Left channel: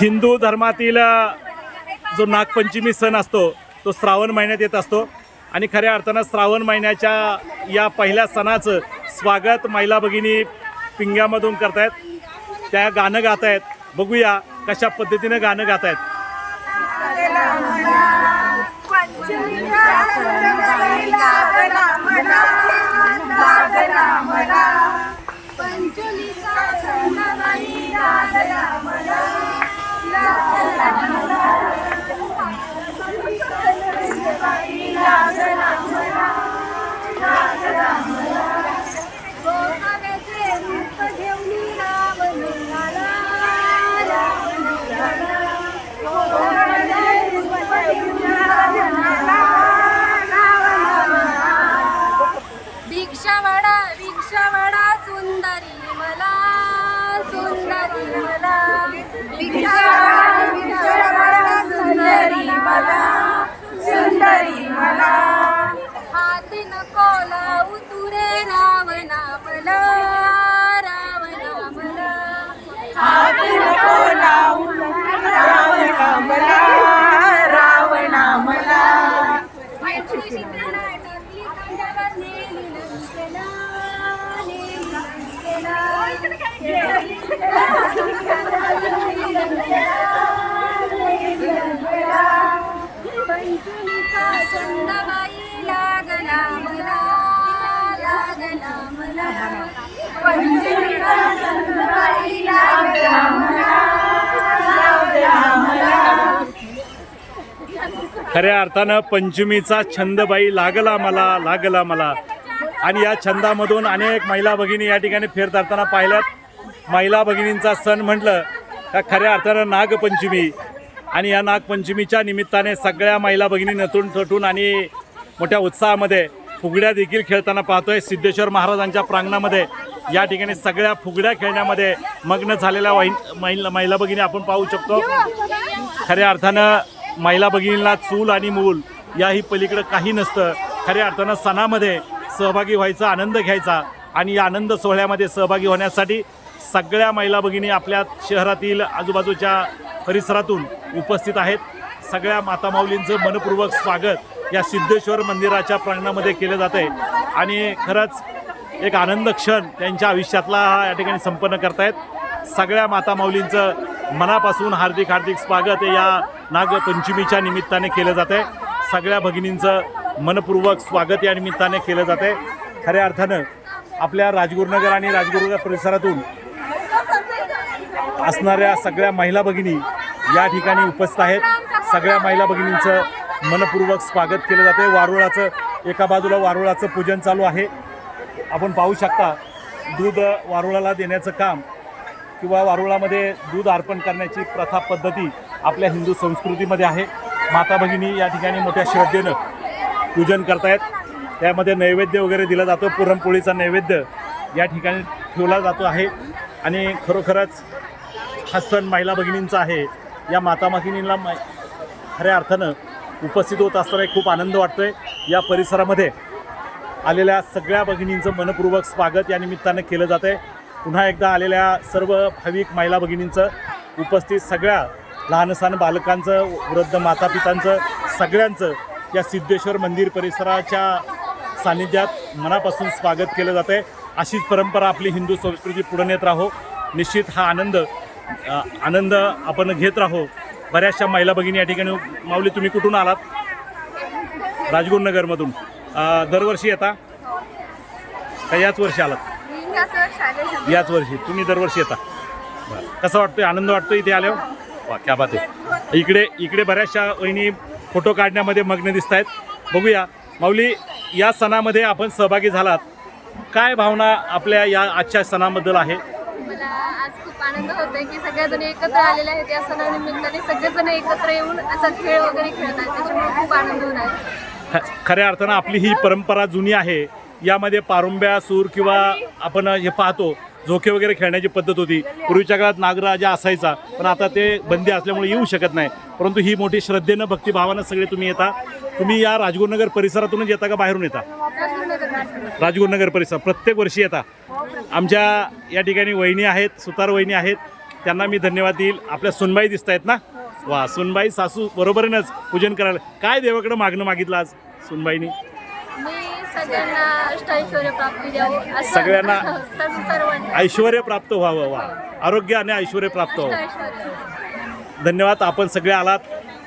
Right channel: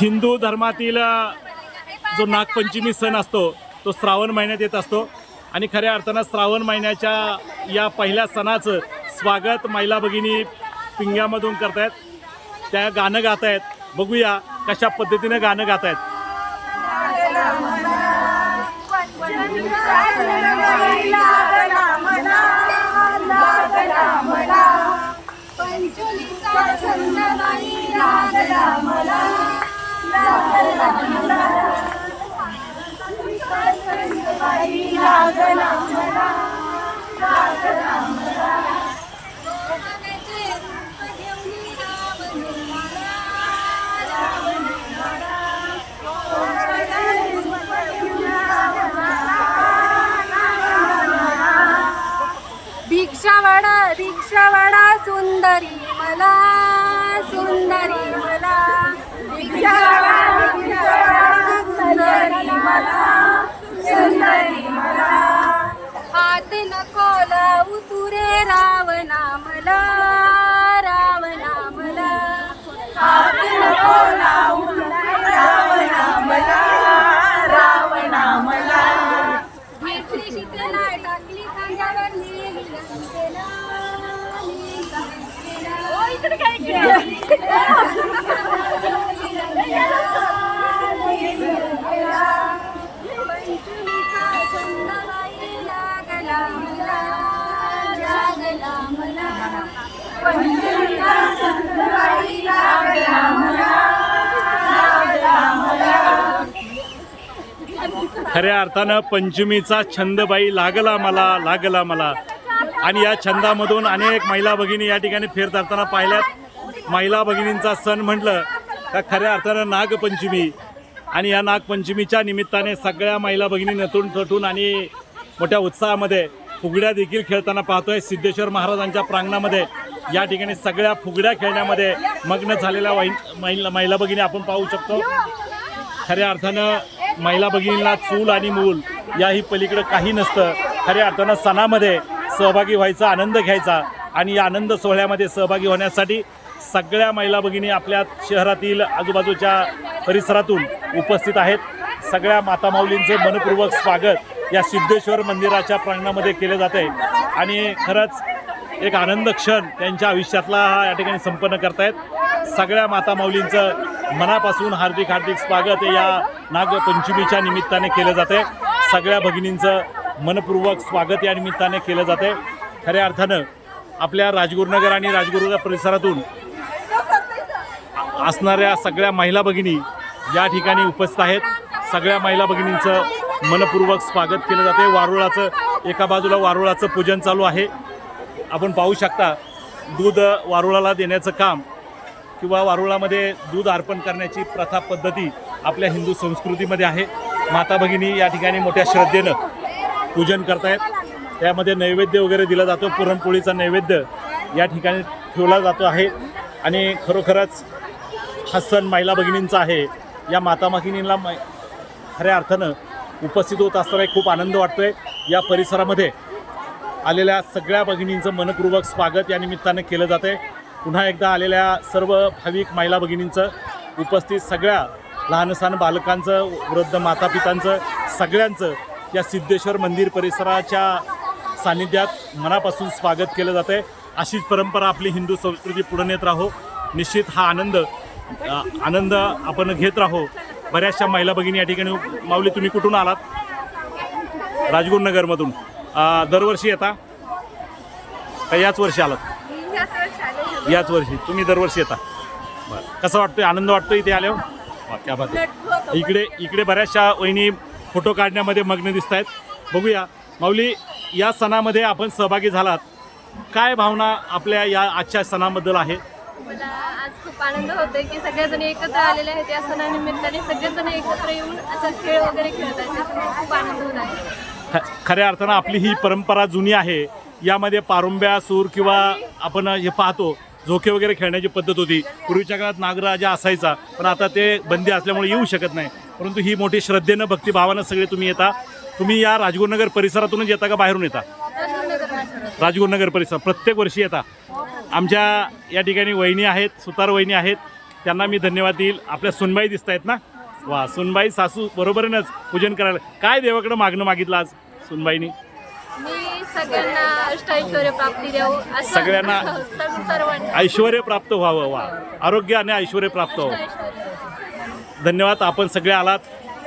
हिंदू धर्मातील जो नागपंचमी सण असतो तो श्रावण महिन्यात येत असतो. आणि खऱ्या अर्थानं श्रावण महिन्याच्या या पहिल्या सणाचं स्वागत महिला भगिनी पिंग्यामधून करतायत. त्या गाणं गात आहेत बघूया कशा पद्धतीनं गाणं गात गातायत भिक्षावाडा भिक्षावाडा सुंदरी मला सुंदरी मला. सुंदरी मला. सुंदरी मला. हात नको लावू तुरे रावणा मला रावणा मला हात नको लावू रावणा मला रावणा मला मैत्री शिकला खऱ्या अर्थानं पंचमीचा छंदबाई लागला मला लागला मला. आणि या छंदामधून अनेक महिला भगिनी या ठिकाणी फिरताना पाहिल्यात. महिला भगिनींचा सण म्हटलं का खऱ्या अर्थानं नागपंचमी. आणि या नागपंचमीच्या निमित्ताने सगळ्या महिला भगिनी नटून ठटून आणि मोठ्या उत्साहामध्ये फुगड्या देखील खेळताना पाहतोय. सिद्धेश्वर महाराजांच्या प्रांगणामध्ये या ठिकाणी सगळ्या फुगड्या खेळण्यामध्ये मग्न झालेल्या वाईन महिला महिला भगिनी आपण पाहू शकतो. खऱ्या अर्थानं महिला भगिनींना चूल आणि मूल याही पलीकडं काही नसतं. खऱ्या अर्थानं सणामध्ये सहभागी व्हायचा आनंद घ्यायचा आणि या आनंद सोहळ्यामध्ये सहभागी होण्यासाठी सगळ्या महिला भगिनी आपल्या शहरातील आजूबाजूच्या परिसरातून उपस्थित आहेत. सगळ्या मातामाऊलींचं मनपूर्वक स्वागत या सिद्धेश्वर मंदिराच्या प्रांगणामध्ये केलं जातं आहे आणि खरंच एक आनंद क्षण त्यांच्या आयुष्यातला हा या ठिकाणी संपन्न करतायत. सगळ्या मातामाऊलींचं मनापासून हार्दिक हार्दिक स्वागत या नागपंचमीच्या निमित्ताने केलं जातं आहे सगळ्या भगिनींचं मनपूर्वक स्वागत या निमित्ताने केलं जातं आहे खऱ्या अर्थानं आपल्या राजगुरुनगर आणि राजगुरुनगर परिसरातून असणाऱ्या सगळ्या महिला भगिनी या ठिकाणी उपस्थित आहेत. सगळ्या महिला भगिनींचं मनपूर्वक स्वागत केलं जाते वारुळाचं एका बाजूला वारुळाचं पूजन चालू आहे. आपण पाहू शकता दूध वारुळाला देण्याचं काम किंवा वारुळामध्ये दूध अर्पण करण्याची प्रथा पद्धती आपल्या हिंदू संस्कृतीमध्ये आहे. माता भगिनी या ठिकाणी मोठ्या श्रद्धेनं पूजन करतायत. त्यामध्ये नैवेद्य वगैरे दिला जातो. पुरणपोळीचा नैवेद्य या ठिकाणी ठेवला जातो आहे. आणि खरोखरच हा सण महिला भगिनींचा आहे. या माता भगिनींना मै खऱ्या अर्थानं उपस्थित होत असताना एक खूप आनंद वाटतोय. या परिसरामध्ये आलेल्या सगळ्या भगिनींचं मनपूर्वक स्वागत या निमित्तानं केलं जातं आहे पुन्हा एकदा आलेल्या सर्व भाविक महिला भगिनींचं उपस्थित सगळ्या लहानसहान बालकांचं वृद्ध मातापितांचं सगळ्यांचं या सिद्धेश्वर मंदिर परिसराच्या सानिध्यात मनापासून स्वागत केलं जातं आहे अशीच परंपरा आपली हिंदू संस्कृती पुढे नेत राहो. निश्चित हा आनंद आनंद आपण घेत राहो. बऱ्याचशा महिला भगिनी या ठिकाणी माऊली तुम्ही कुठून आलात? राजगुरुनगरमधून दरवर्षी येता? का याच वर्षी आलात? याच वर्षी तुम्ही दरवर्षी येता. बरं. कसं वाटतोय? आनंद वाटतोय इथे आल्यावर? वा क्या बात आहे. इकडे इकडे बऱ्याचशा वहिनी फोटो काढण्यामध्ये मग्न दिसत आहेत बघूया. माऊली या सणामध्ये आपण सहभागी झालात. काय भावना आपल्या या आजच्या सणाबद्दल आहे? मला आज खूप आनंद होतोय की सगळेजण एकत्र आलेले आहेत या सणानिमित्ताने. सगळेजण एकत्र येऊन असा खेळ वगैरे खेळत आहेत त्याच्यामुळे खूप आनंद होत आहे. खऱ्या अर्थानं आपली ही परंपरा जुनी आहे. यामध्ये पारुंब्या सूर किंवा आपण हे पाहतो झोके वगैरे खेळण्याची पद्धत होती. पूर्वीच्या काळात नागराजा असायचा पण आता ते बंदी असल्यामुळे येऊ शकत नाही. परंतु ही मोठी श्रद्धेनं भक्तिभावानं सगळे तुम्ही येता. तुम्ही या राजगुरुनगर परिसरातूनच येता का बाहेरून येता? राजगुरुनगर परिसर प्रत्येक वर्षी येता. आमच्या या ठिकाणी वहिनी आहेत सुतार वहिनी आहेत. त्यांना मी धन्यवाद देईल. आपल्या सुनबाई दिसत आहेत ना? वा सुनबाई सासू बरोबरच पूजन करायला. काय देवाकडं मागणं मागितलं आज सुनबाईनी? मी सगळ्यांना अष्टैश्वर्य प्राप्ती द्यावं असं सगळ्यांना सर्व सर्वांना ऐश्वर प्राप्त व्हावं वा. आरोग्य आणि ऐश्वर प्राप्त व्हावं. अष्टैश्वर्य धन्यवाद आपण सगळे आलात.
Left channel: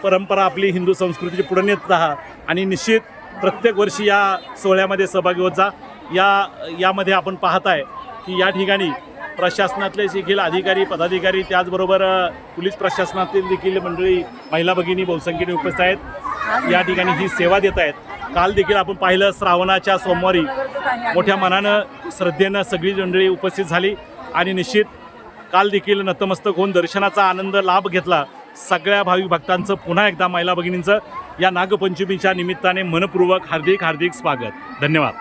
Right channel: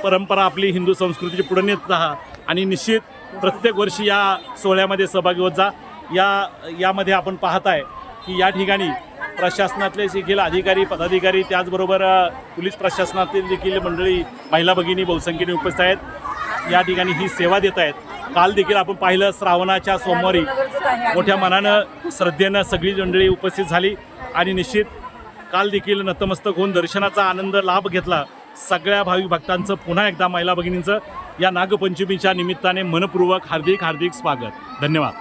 परंपरा आपली हिंदू संस्कृतीची पुढे नेत राहा आणि निश्चित प्रत्येक वर्षी या सोहळ्यामध्ये सहभागी होत जा. या यामध्ये आपण पाहताय की या ठिकाणी प्रशासनातले देखील अधिकारी पदाधिकारी त्याचबरोबर अ, पोलीस प्रशासनातील देखील मंडळी महिला भगिनी बहुसंख्येने उपस्थित आहेत. या ठिकाणी ही सेवा देत आहेत. काल देखील आपण पाहिलं श्रावणाच्या सोमवारी मोठ्या मनानं श्रद्धेनं सगळी मंडळी उपस्थित झाली. आणि निश्चित काल देखील नतमस्तक होऊन दर्शनाचा आनंद लाभ घेतला सगळ्या भाविक भक्तांचं. पुन्हा एकदा महिला भगिनींचं या नागपंचमीच्या निमित्ताने मनपूर्वक हार्दिक हार्दिक स्वागत. धन्यवाद.